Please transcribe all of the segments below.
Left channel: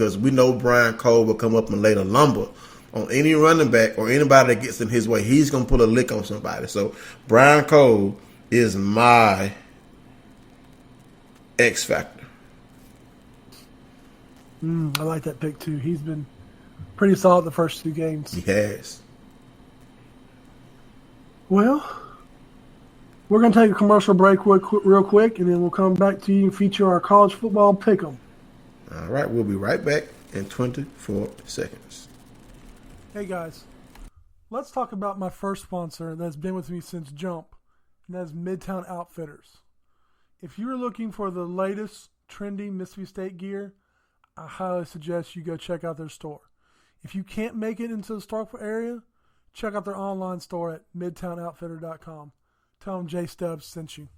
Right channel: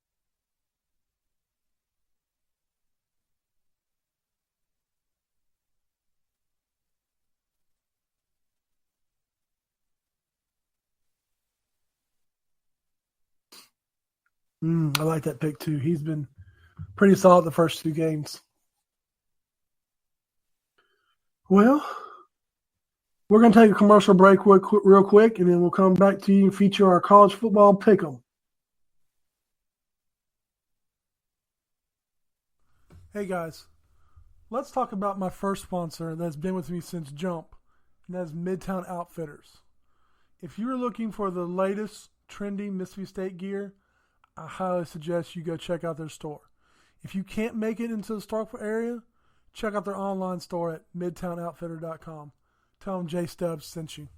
because we know Brian Cole will come up and lay the lumber on any running back or anybody that gets in his way. He's going to put a lick on somebody. So Brian Cole is my X factor. I like that pick too. He's been pretty solid the first 2 games. He has. Well, we're going to take a commercial break real quick, and then we'll come back to you and feature our college football pick'em. All right, we'll be right back in 24 seconds. Hey guys, let's talk about my first sponsor that's been with me since Jump, and that's Midtown Outfitters. If you're looking for the latest trendy Mississippi State gear, I highly suggest you go check out their store. If you can't make it into the Starkville area, check out their online store at midtownoutfitter.com. Tell them Jay Stubbs sent you.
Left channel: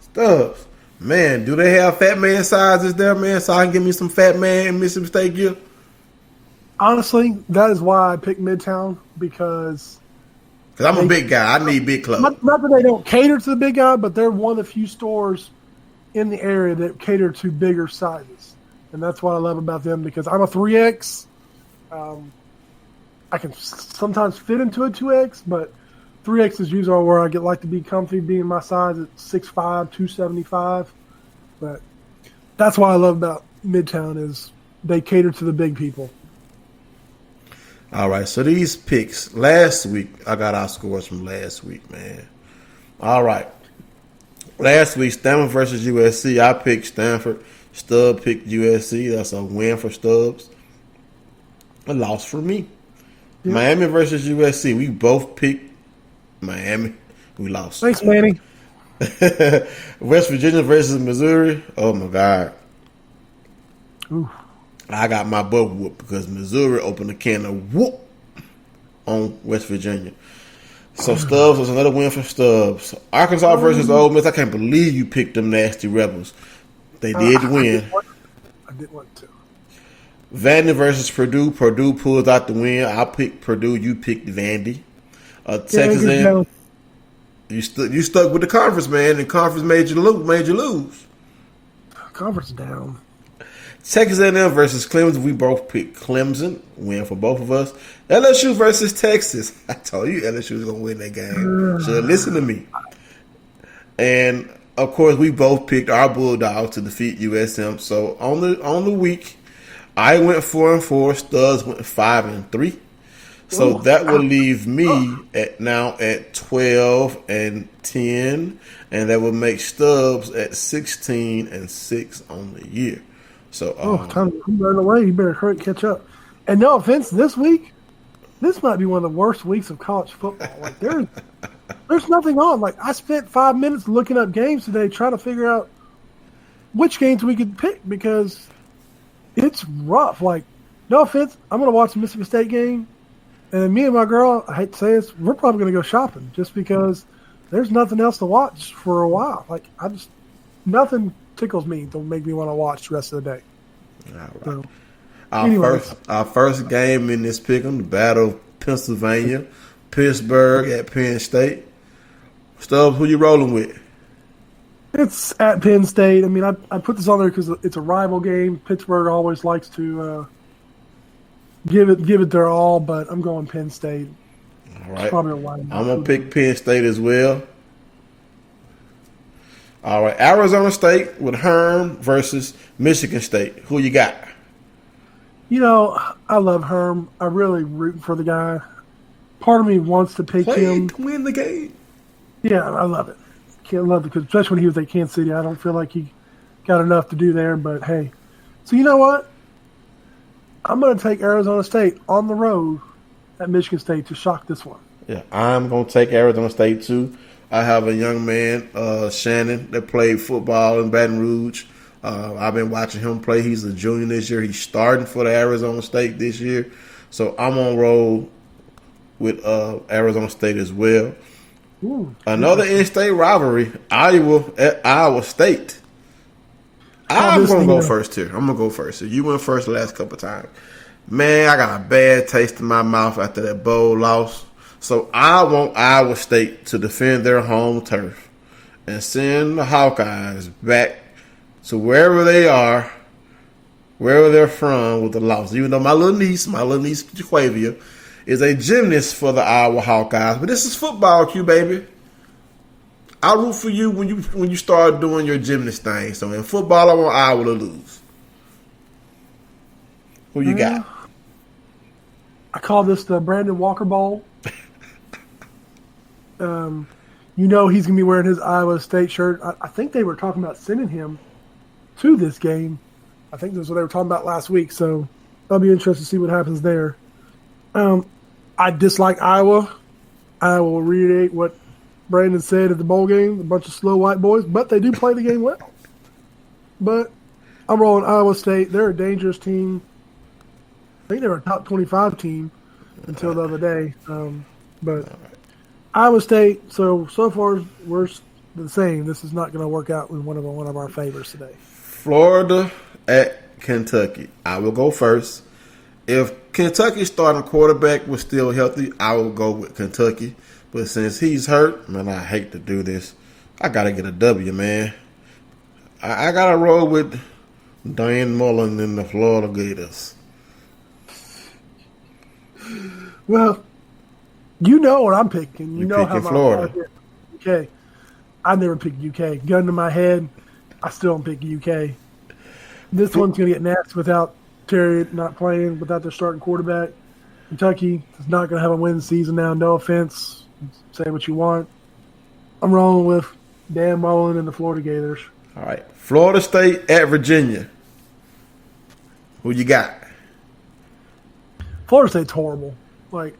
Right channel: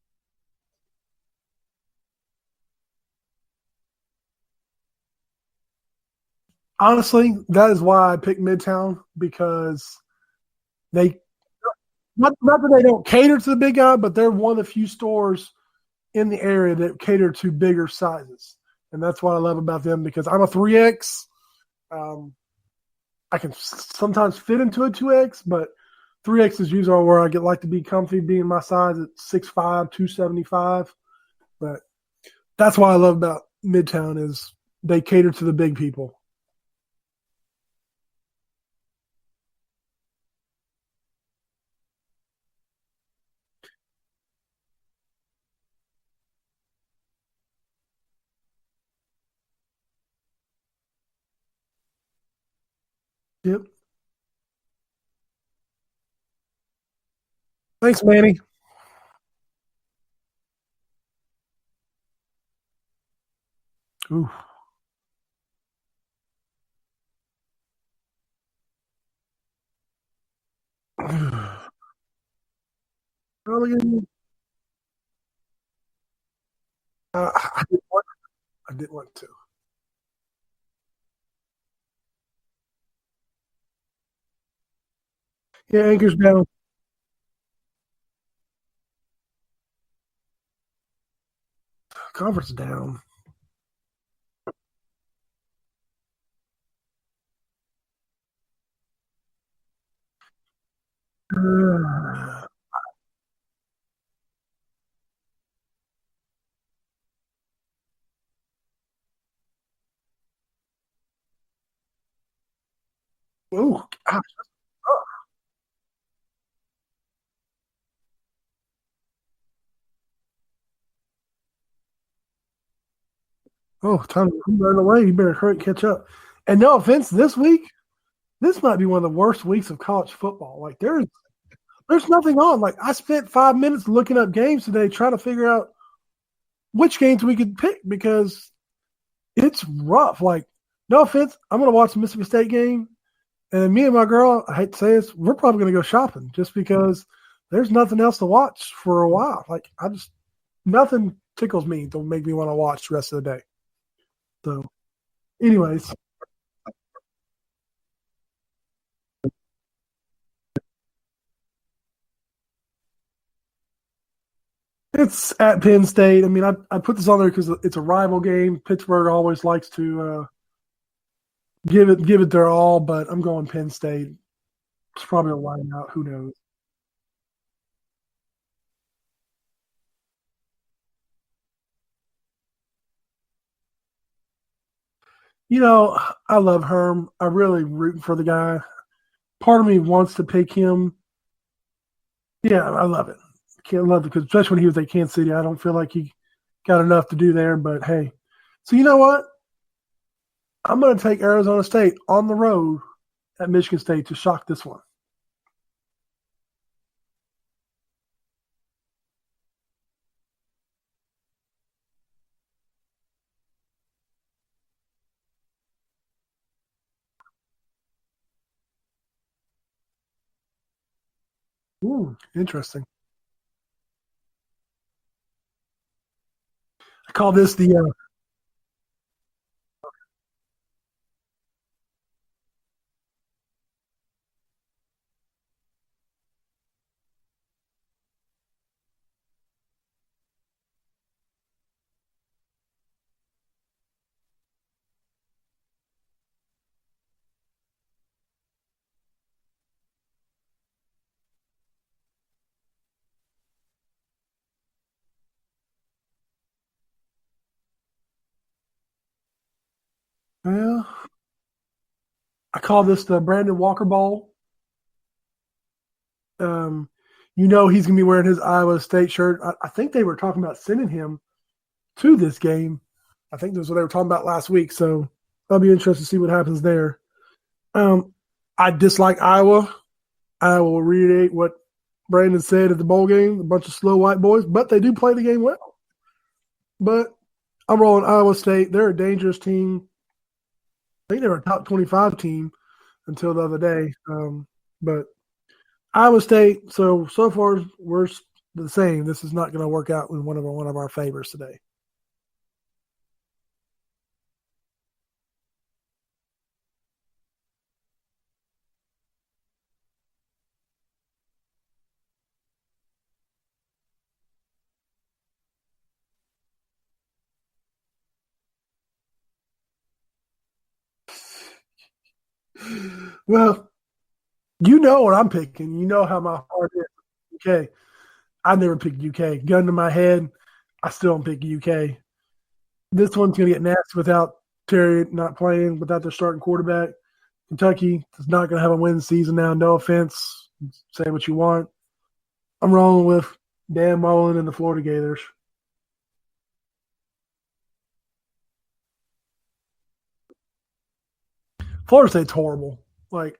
Stubbs, man, do they have fat man sizes there, man, so I can get me some fat man Mississippi State gear? Honestly, that is why I picked Midtown, because I'm a big guy. I need big clothes. Not that they don't cater to the big guy, but they're one of the few stores in the area that cater to bigger sizes. And that's what I love about them, because I'm a 3X. I can sometimes fit into a 2X, but 3X is usually where I like to be comfy, being my size at 6'5", 275. But that's what I love about Midtown is they cater to the big people. All right, so these picks. Last week, I got our scores from last week, man. All right. Last week, Stanford versus USC. I picked Stanford. Stubbs picked USC. That's a win for Stubbs. A loss for me. Yep. Miami versus USC. We both picked Miami. We lost. Thanks, Manny. West Virginia versus Missouri. Oh, my God. Ooh. I got my butt whooped because Missouri opened a can of whoop on West Virginia. So Stubbs was another win for Stubbs. Arkansas versus Ole Miss. I can't believe you picked them nasty Rebels. They did win. I did want to. Vandy versus Purdue. Purdue pulls out the win. I picked Purdue. You picked Vandy. Texas A&M. You stuck with the conference, man, and conference made you lose. Conference down. Texas A&M versus Clemson. We both picked Clemson. Win for both of us. LSU versus Texas. I told you LSU was going to win that game. Should have listened to me. And, of course, we both picked our Bulldogs to defeat USM. So, on the week, I went 4-4. Stubbs went 5-3. So, that will leave me at 12-10. And that will make Stubbs at 16-6 on the year. So, time to run away. You better hurry and catch up. And no offense, this week, this might be one of the worst weeks of college football. Like there's nothing on. Like I spent 5 minutes looking up games today, trying to figure out which games we could pick because it's rough. Like, no offense, I'm going to watch the Mississippi State game, and me and my girl, I hate to say this, we're probably going to go shopping just because there's nothing else to watch for a while. Like nothing tickles me to make me want to watch the rest of the day. All right. So, our first game in this pick'em, the Battle of Pennsylvania, Pittsburgh at Penn State. Stubbs, who you rolling with? It's at Penn State. I mean, I put this on there because it's a rival game. Pittsburgh always likes to give it their all, but I'm going Penn State. All right. It's probably a line. I'm going to pick Penn State as well. All right, Arizona State with Herm versus Michigan State. Who you got? You know, I love Herm. I really rooting for the guy. Part of me wants to pick him to win the game. Yeah, I love it. Can't love it because especially when he was at Kansas City, I don't feel like he got enough to do there. But hey, so you know what? I'm going to take Arizona State on the road at Michigan State to shock this one. Yeah, I'm going to take Arizona State too. I have a young man, Shannon, that played football in Baton Rouge. I've been watching him play. He's a junior this year. He's starting for the Arizona State this year. So I'm on roll with Arizona State as well. Ooh, another in-state rivalry, Iowa at Iowa State. I'm going to go first here. I'm going to go first. So you went first the last couple of times. Man, I got a bad taste in my mouth after that bowl loss. So I want Iowa State to defend their home turf and send the Hawkeyes back So wherever they are, wherever they're from with the loss, even though my little niece, Jaquavia, is a gymnast for the Iowa Hawkeyes. But this is football, Q, baby. I'll root for you when you start doing your gymnast thing. So in football, I want Iowa to lose. Who you got? I call this the Brandon Walker Bowl. He's going to be wearing his Iowa State shirt. I think they were talking about sending him to this game. I think that's what they were talking about last week. So I'll be interested to see what happens there. I dislike Iowa. I will reiterate what Brandon said at the bowl game, a bunch of slow white boys, but they do play the game well. But I'm rolling Iowa State. They're a dangerous team. I think they were a top 25 team until the other day. But Iowa State, so far we're the same. This is not going to work out with one of our favorites today. Florida at Kentucky. I will go first. If Kentucky's starting quarterback was still healthy, I will go with Kentucky. But since he's hurt, man, I hate to do this. I got to get a W, man. I got to roll with Dan Mullen and the Florida Gators. Well, you know what I'm picking. You know how my Florida. heart is. UK. I never picked UK. Gun to my head, I still don't pick UK. This one's going to get nasty without Terry not playing, without their starting quarterback. Kentucky is not going to have a win season now. No offense. Say what you want. I'm rolling with Dan Mullen and the Florida Gators. All right. Florida State at Virginia. Who you got? Florida State's horrible. Like,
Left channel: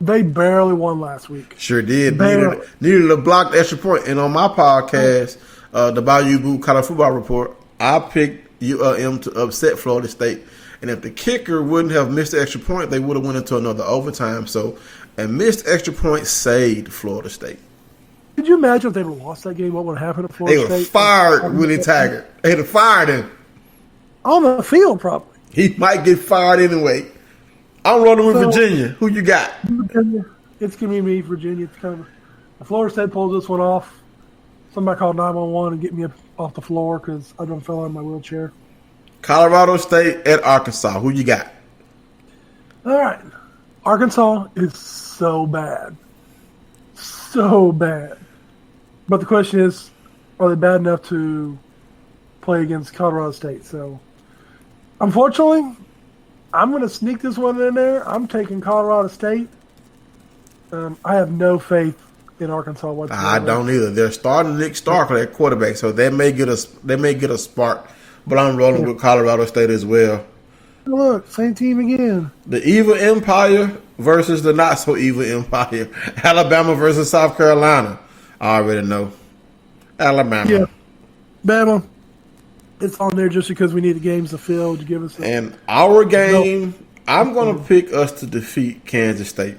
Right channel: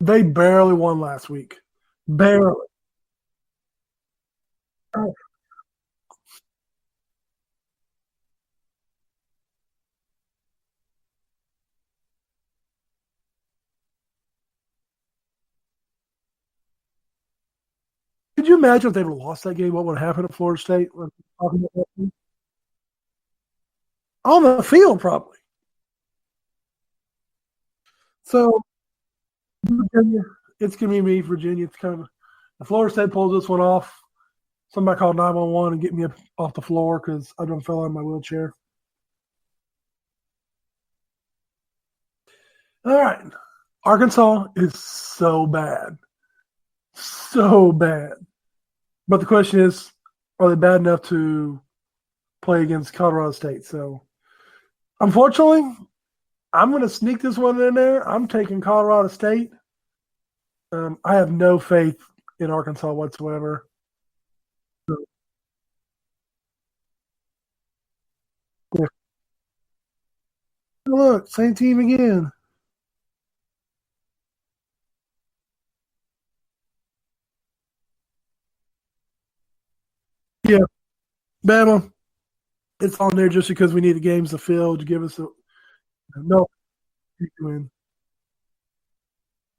they barely won last week. Sure did. Barely. Needed a blocked extra point. And on my podcast, the Bayou Boo College Football Report, I picked ULM to upset Florida State. And if the kicker wouldn't have missed the extra point, they would have went into another overtime. So a missed extra point saved Florida State. Could you imagine if they would have lost that game? What would have happened at Florida They State? would fired Willie Taggart. They'd have fired him. On the field, probably. He might get fired anyway. I'm rolling with Virginia. Who you got? Virginia. It's going to be me, Virginia. It's kind of if Florida State pulls this one off, somebody call 911 and get me up off the floor because I done fell out of my wheelchair. Colorado State at Arkansas. Who you got? All right. Arkansas is so bad. So bad. But the question is, are they bad enough to play against Colorado State? So, unfortunately, I'm going to sneak this one in there. I'm taking Colorado State. I have no faith in Arkansas whatsoever. I don't either. They're starting Nick Stark at quarterback, so they may get a spark. But I'm rolling with Colorado State as well. Look, same team again. The evil empire versus the not so evil empire. Alabama versus South Carolina. I already know. Alabama. Yeah. Bama. It's on there just because we need the games to fill to give us a... And our game, I'm going to pick us to defeat Kansas State.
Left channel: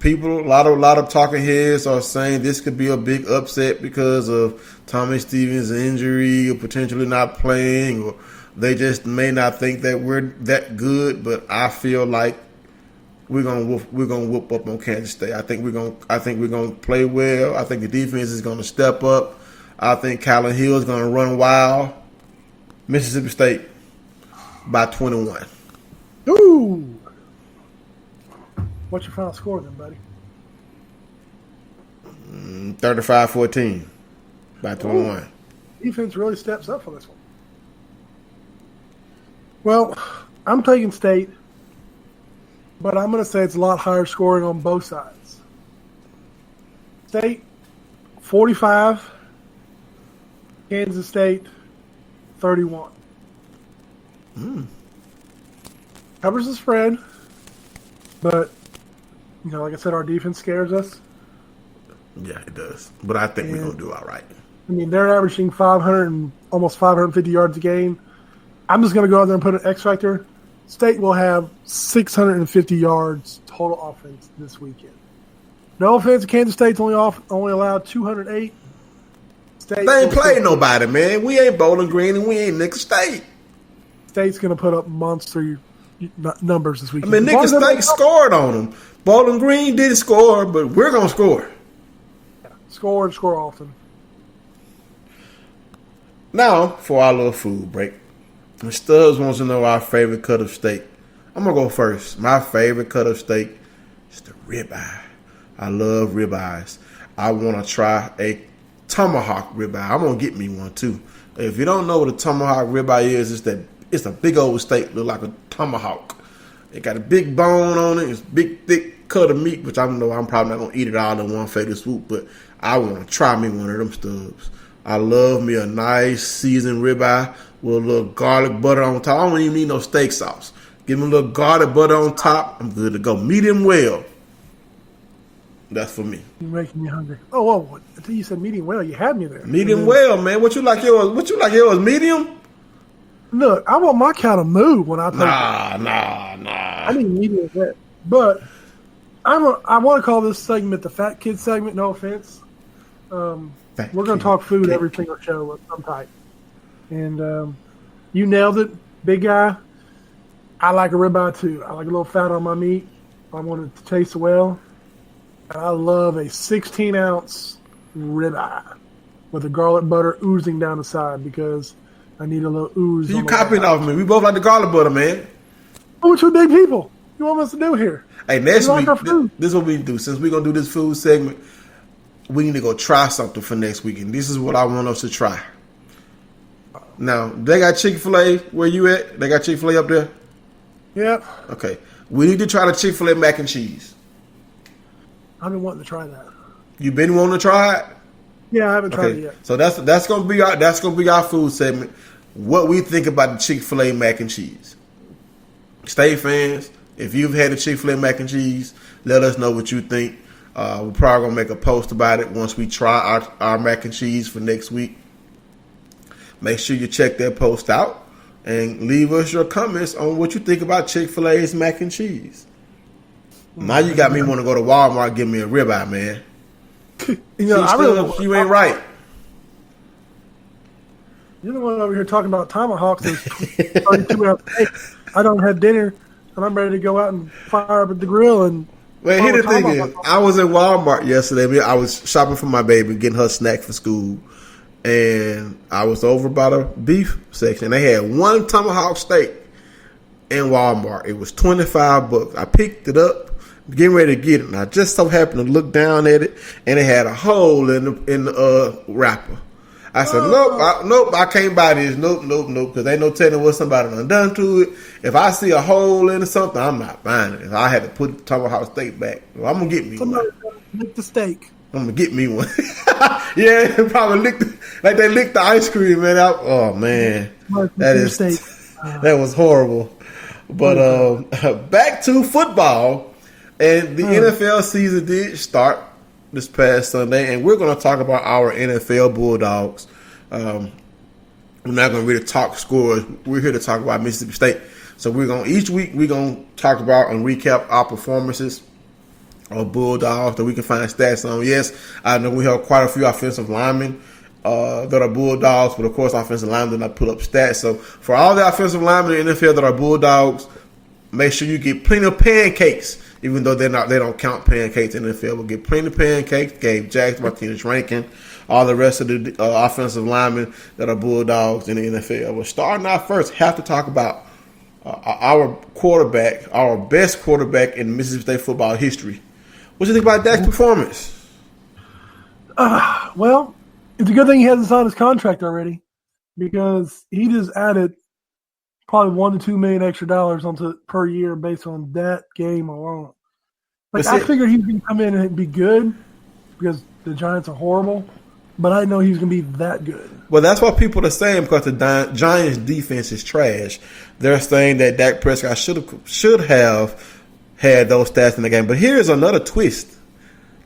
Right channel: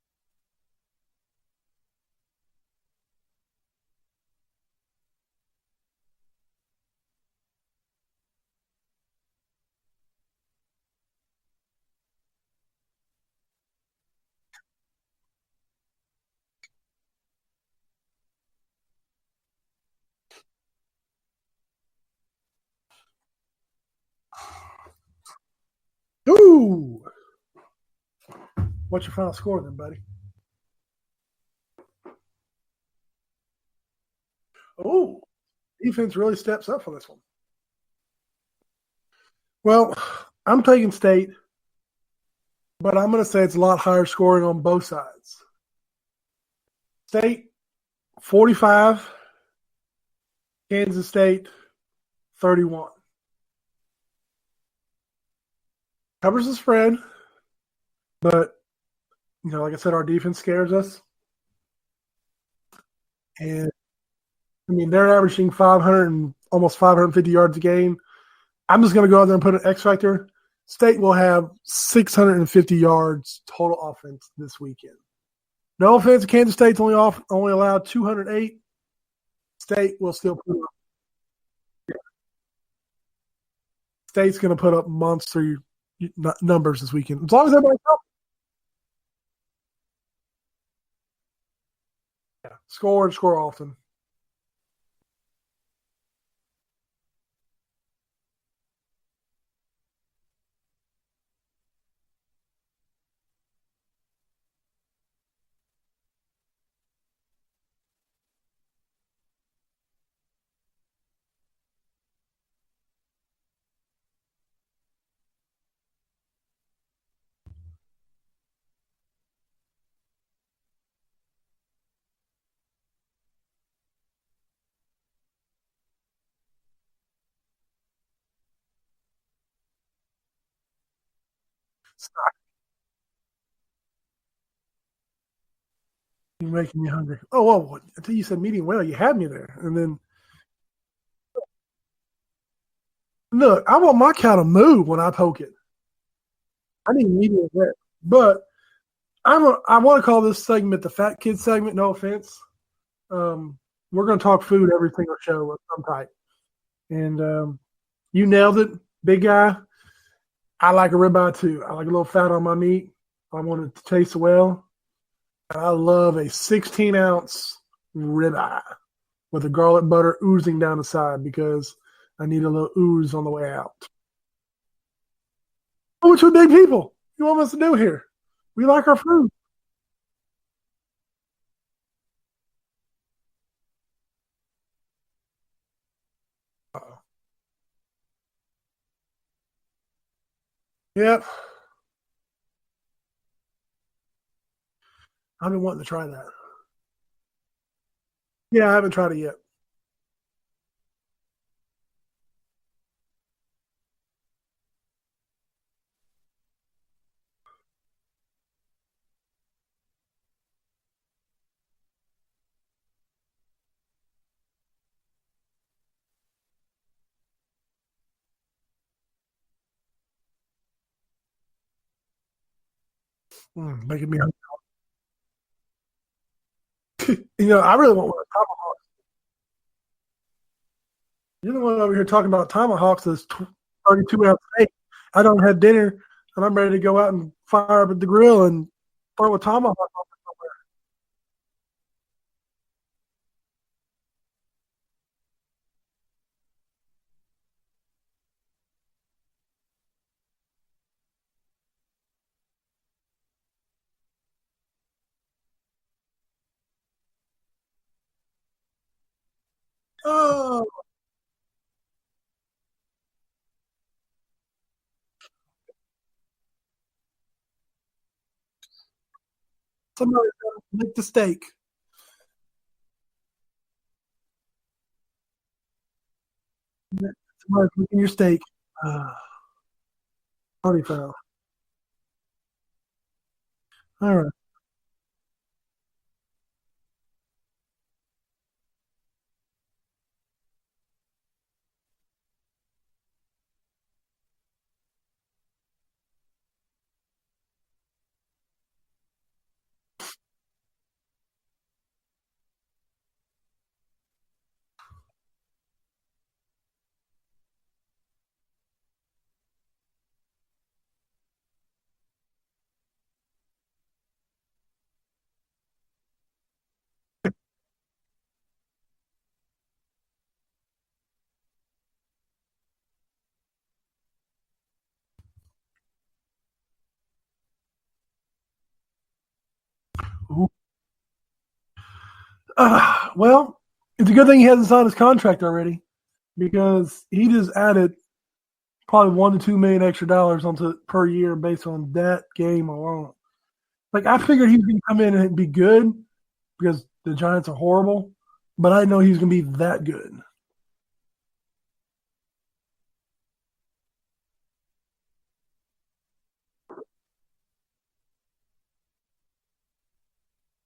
People, a lot of talking heads are saying this could be a big upset because of Tommy Stevens' injury or potentially not playing, or they just may not think that we're that good. But I feel like we're gonna whoop up on Kansas State. I think we're gonna play well. I think the defense is gonna step up. I think Callan Hill is gonna run wild. Mississippi State by 21. Ooh. What's your final score then, buddy? 35-14 by 21. Ooh. Defense really steps up for this one. Well, I'm taking State, but I'm going to say it's a lot higher scoring on both sides. State, 45. Kansas State, 31. Covers the spread, but, like I said, our defense scares us. Yeah, it does. But I think we're going to do all right. I mean, they're averaging 500 and almost 550 yards a game. I'm just going to go out there and put an X factor. State will have 650 yards total offense this weekend. No offense, Kansas State's only allowed 208. They ain't playing nobody, man. We ain't Bowling Green and we ain't Nickel State. State's going to put up monster numbers this weekend. I mean, Nickel State scored on them. Bowling Green didn't score, but we're going to score. Yeah. Score and score often. Now, for our little food break. The Stubbs wants to know our favorite cut of steak. I'm going to go first. My favorite cut of steak is the ribeye. I love ribeyes. I want to try a tomahawk ribeye. I'm going to get me one, too. If you don't know what a tomahawk ribeye is, it's a big old steak, look like a tomahawk. It got a big bone on it. It's big, thick cut of meat, which I know I'm probably not going to eat it all in one fatal swoop, but I want to try me one of them Stubbs. I love me a nice seasoned ribeye with a little garlic butter on top. I don't even need no steak sauce. Give me a little garlic butter on top. I'm good to go. Medium well. That's for me. You're making me hungry. Oh, whoa. Until you said medium well, you had me there. Medium well, man. What you like yours? Medium? Look, I want my cow to move when I poke it. Nah. I need medium well. But I want to call this segment the Fat Kid segment. No offense. We're going to talk food every single show of some type. And you nailed it, big guy. I like a ribeye too. I like a little fat on my meat. I want it to taste well. And I love a 16-ounce ribeye with the garlic butter oozing down the side because I need a little ooze. You copying off me. We both like the garlic butter, man. We're two big people. What you want us to do here? Hey, next like week, our food. This is what we do. Since we're going to do this food segment, we need to go try something for next week. And this is what I want us to try. Now, they got Chick-fil-A where you at? They got Chick-fil-A up there? Yep. Okay. We need to try the Chick-fil-A mac and cheese. I've been wanting to try that. You been wanting to try it? Yeah, I haven't tried it yet. So that's gonna be our food segment. What we think about the Chick-fil-A mac and cheese. State fans, if you've had the Chick-fil-A mac and cheese, let us know what you think. We're probably gonna make a post about it once we try our mac and cheese for next week. Make sure you check that post out and leave us your comments on what you think about Chick-fil-A's mac and cheese. Now you got me want to go to Walmart and give me a ribeye, man. I really you ain't right. You're the one over here talking about tomahawks. There's 32 hours. Hey, I don't have dinner, and I'm ready to go out and fire up at the grill and. Well, here the thing is, I was in Walmart yesterday. I was shopping for my baby, getting her snack for school. And I was over by the beef section. They had one tomahawk steak in Walmart. It was $25. I picked it up, getting ready to get it. And I just so happened to look down at it, and it had a hole in the wrapper. I said, nope, I can't buy this. Nope, because ain't no telling what somebody done to it. If I see a hole in something, I'm not buying it. If I had to put the tomahawk steak back, well, I'm going to get me somebody one. Lick the steak. I'm going to get me one. Yeah, probably like they licked the ice cream, man. Oh, man. That was horrible. But back to football. And the NFL season did start this past Sunday, and we're going to talk about our NFL Bulldogs. We're not going to really talk scores. We're here to talk about Mississippi State. So each week we're going to talk about and recap our performances of Bulldogs that we can find stats on. Yes, I know we have quite a few offensive linemen that are Bulldogs, but of course offensive linemen did not put up stats. So for all the offensive linemen in the NFL that are Bulldogs, make sure you get plenty of pancakes. Even though they don't count pancakes in the NFL, we'll get plenty of pancakes. Gabe Jackson, Martinez Rankin, all the rest of the offensive linemen that are Bulldogs in the NFL. We're starting out first. Have to talk about our quarterback, our best quarterback in Mississippi State football history. What do you think about Dak's performance? Well, it's a good thing he hasn't signed his contract already because he just added probably $1 to $2 million extra onto it per year based on that game alone. I figured he was going to come in and be good because the Giants are horrible, but I didn't know he was going to be that good. Well, that's what people are saying because the Giants' defense is trash. They're saying that Dak Prescott should have had those stats in the game. But here's another twist.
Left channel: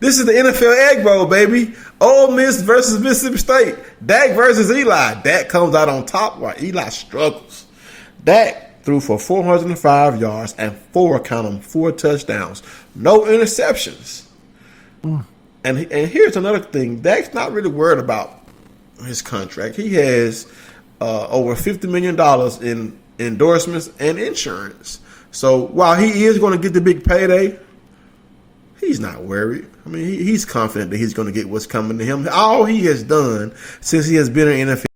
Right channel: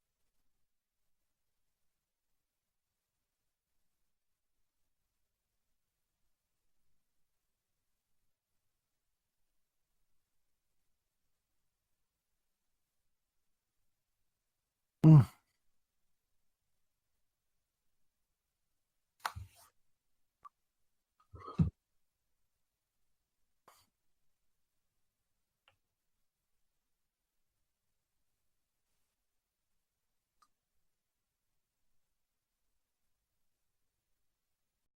This is the NFL Egg Bowl, baby. Ole Miss versus Mississippi State. Dak versus Eli. Dak comes out on top while Eli struggles. Dak threw for 405 yards and 4 touchdowns. No interceptions. And here's another thing. Dak's not really worried about his contract. He has over $50 million in endorsements and insurance. So while he is going to get the big payday, he's not worried. I mean, he's confident that he's going to get what's coming to him. All he has done since he has been in the NFL